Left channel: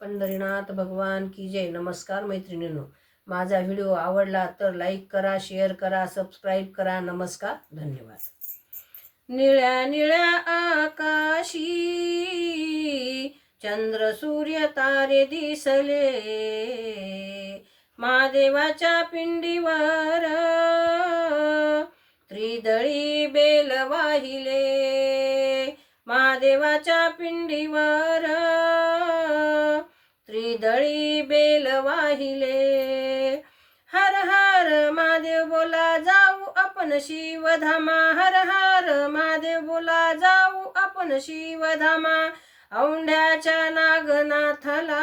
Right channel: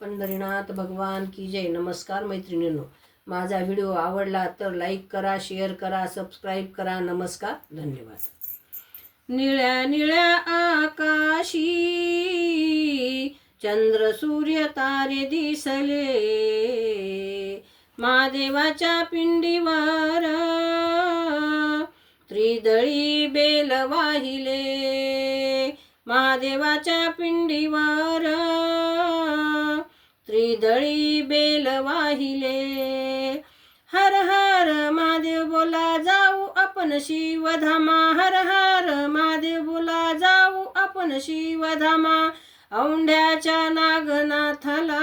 पंढरीनाथ भगवान की जय. नमस्कार मैत्रिणींनो. माझा व्हिडिओ आवडला तर लाईक करा शेअर करा सबस्क्राईब करा. नमस्कार धन्यवाद. निळ्या निळ्या आकाशी चंद्र सूर्य तारे दिसले. महादेवाच्या पिंडीवर त्रिदळी बेल वाहिले. महादेवाच्या पिंडीवर त्रिदळी बेल वाहिले. हर हर महादेव बोला जाऊ आपण शिवधामा. हर हर महादेव बोला जाऊ आपण शिवधामा. औंढ्याच्या नागनाथाला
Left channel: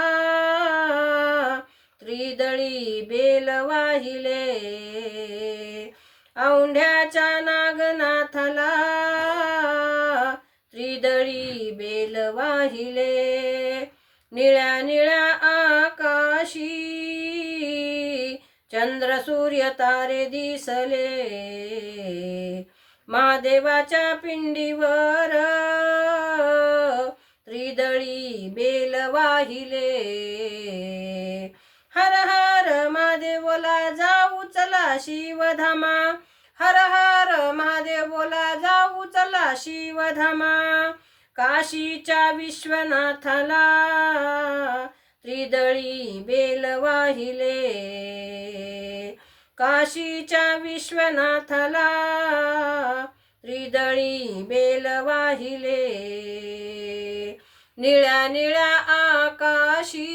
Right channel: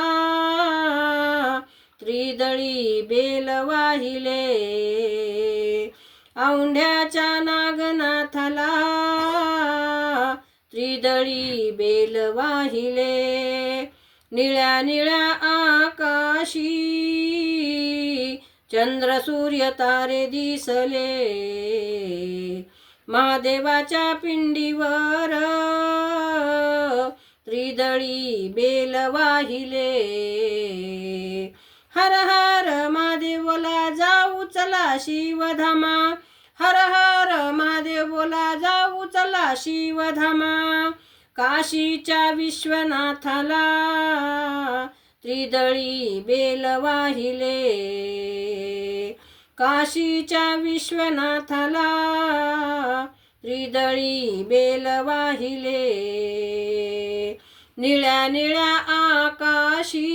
त्रिदळी बेल वाहिले. औंढ्याच्या नागनाथाला त्रिदळी बेल वाहिले. निळ्या निळ्या आकाशी. चंद्र सूर्य तारे दिसले. महादेवाच्या पिंडीवर त्रिदळी बेल वाहिले. हर हर महादेवला जाऊ चला शिवधामा. हर हर महादेवला जाऊ चला शिवधामा. काशीच्या विश्वनाथाला त्रिदळी बेल वाहिले. काशीच्या विश्वनाथाला त्रिदळी बेल वाहिले. निळ्या निळ्या आकाशी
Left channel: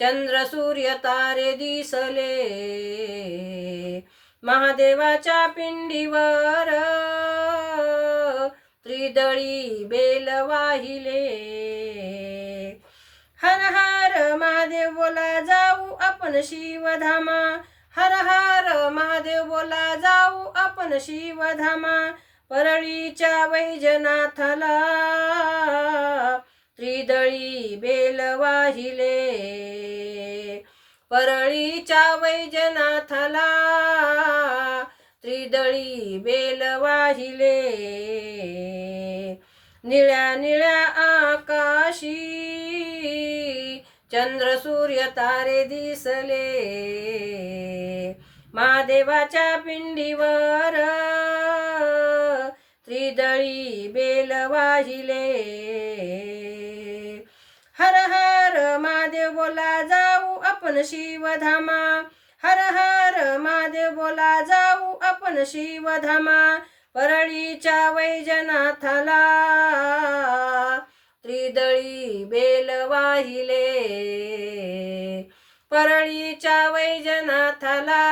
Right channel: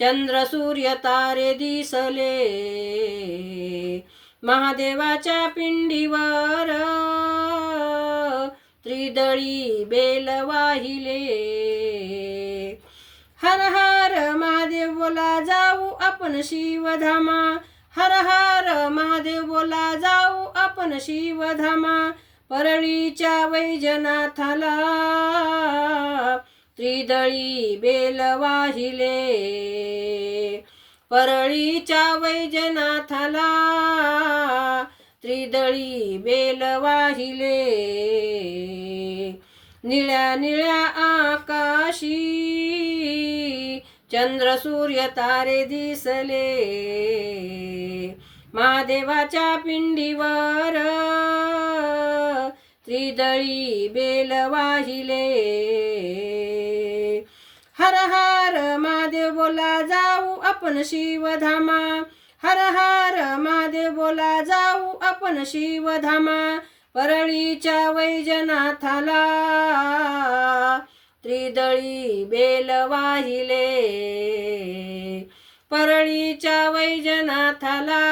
चंद्र सूर्य तारे दिसले. महादेवाच्या पिंडीवर त्रिदळी बेल वाहिले. हर हर महादेव बोला जाऊ आपण शिवधामा. हर हर महादेव बोला जाऊ आपण शिवधामा. परळीच्या वैजनाथाला त्रिदळी बेल वाहिले. परळीच्या वैजनाथाला त्रिदळी बेल वाहिले. निळ्या निळ्या आकाशी. चंद्र सूर्य तारे दिसले. महादेवाच्या पिंडीवर त्रिदळी बेल वाहिले. हर हर महादेव बोला जाऊ आपण शिवधामा. हर हर महादेव बोला जाऊ आपण शिवधामा. परळीच्या वैजनाथाला. त्रिदळी बेल वाहिले. परळीच्या वैजनाथाला.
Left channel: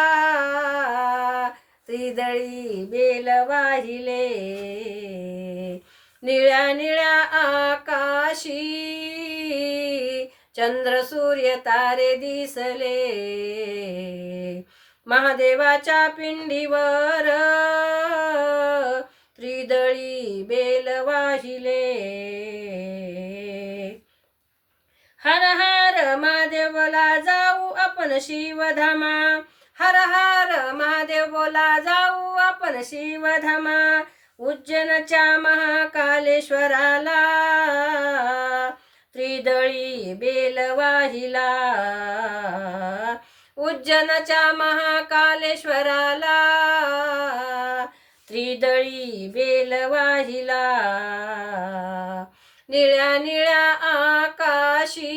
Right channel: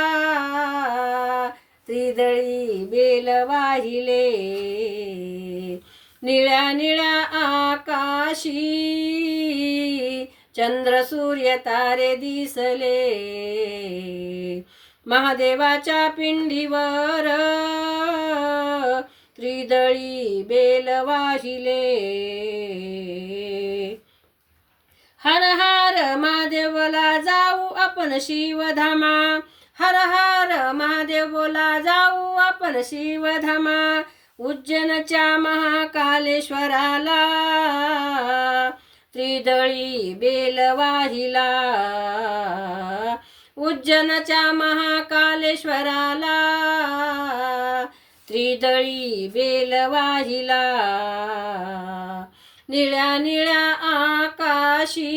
त्रिदळी बेल वाहिले. निळ्या निळ्या आकाशी चंद्र सूर्य तारे दिसले. महादेवाच्या पिंडीवर. त्रिदळी बेल वाहिले. हर हर महादेवला जाऊ आपण शिवधामा. हर हर महादेवला जाऊ आपण शिवधामा. उज्जैनच्या महाकालेश्वराला. त्रिदळी बेल वाहिला. उज्जैनच्या महाकालेश्वराला त्रिदळी बेल वाहिला निळ्या निळ्या आकाशी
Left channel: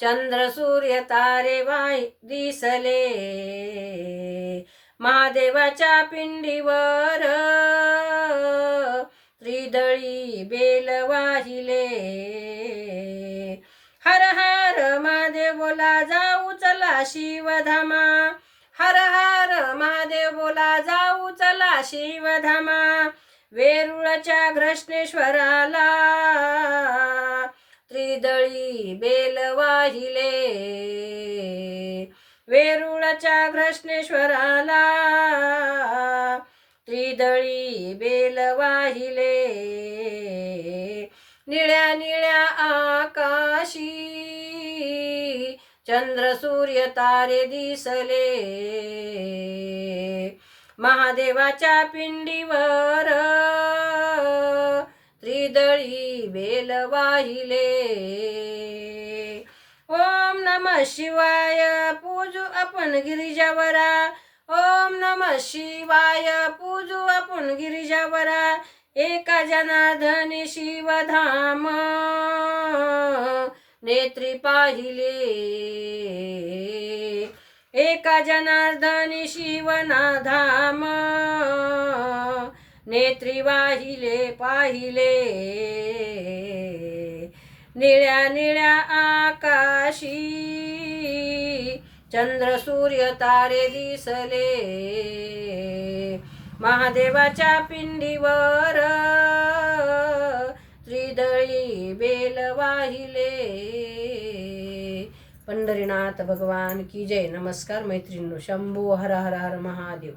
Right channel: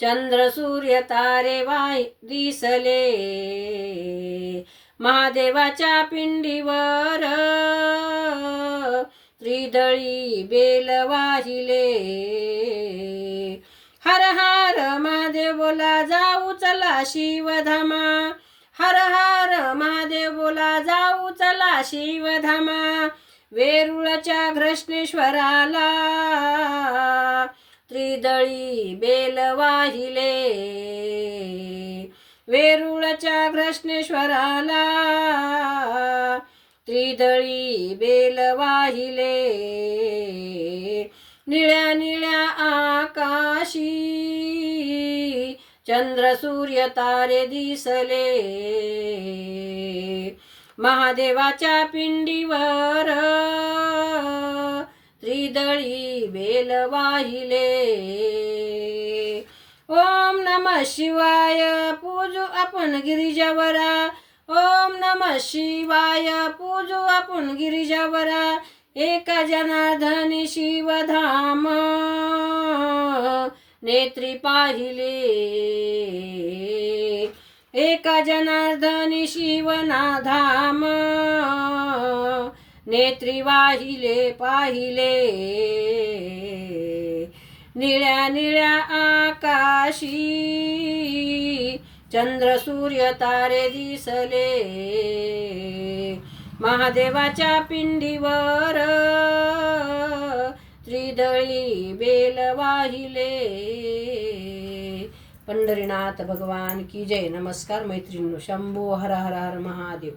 चंद्र सूर्य तारे वाय दिसले. महादेवाच्या पिंडीवर त्रिदळी बेल वाहिले हर हर शिवधामा हर हर महादेव बोला जाऊ चला शिवधामा वेरुळच्या घृष्णेश्वराला. त्रिदळी बेल वाहिले वेरुळच्या घृष्णेश्वराला. त्रिदळी बेल वाहिले निळ्या निळ्या आकाशी चंद्र सूर्य तारे दिसले. महादेवाच्या पिंडीवर त्रिदळी बेल वाहिले. ओम नम शिवाय पूजू आपण गिरिजावरा. ओम नम शिवाय पूजू आपण गिरिजावरा. एका जनार्दनी शिवधाम. नेत्री पाहिले. एका जनार्दन शिवनाधाम. नेत्री वाहिले पाहिले. निळ्या निळ्या आकाशी चंद्र सूर्य तारे दिसले. महादेवाच्या पिंडीवर त्रिदळी बेल वाहिले पंढरीनाथ भगवान की जय नमस्कार मैत्रिणींनो शंभो हर हर हर महादेव